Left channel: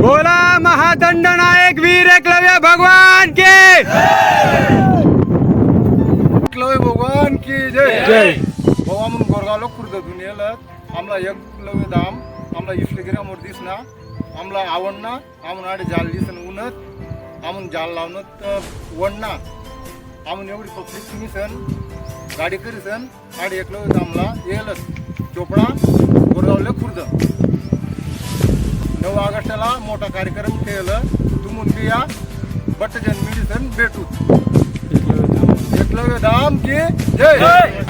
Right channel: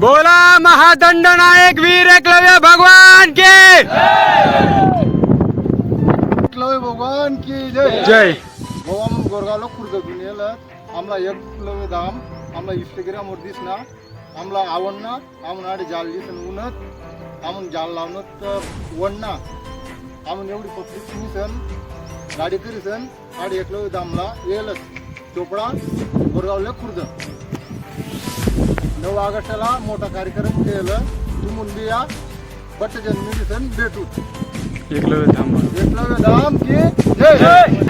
बोला महादंड नायक वीर एकलव्य भगवान के एकलव्य भगवान की जय! जय! भाऊ आम्ही गोरगावला खुर्दतून येलं आम्हाला एकलव्य धाम आम्हाला इष्टगिरामोर दिसना आम्हाला आवडना आडे जाल दिसन उन्हत. आम्ही जाल लावणं तर वडना आम्ही एवढी पब्लिक मिसन गाडी करीसन आडे एकलव्य धामला येलच. चोपडा गोरगावला खुर्द. नऊ ऑगस्टला मोठा कार्यक्रम केलं. तुम्ही बी या बट जन्मी दिसन भेटू एकलव्य धाम. एकलव्य धाम की जय!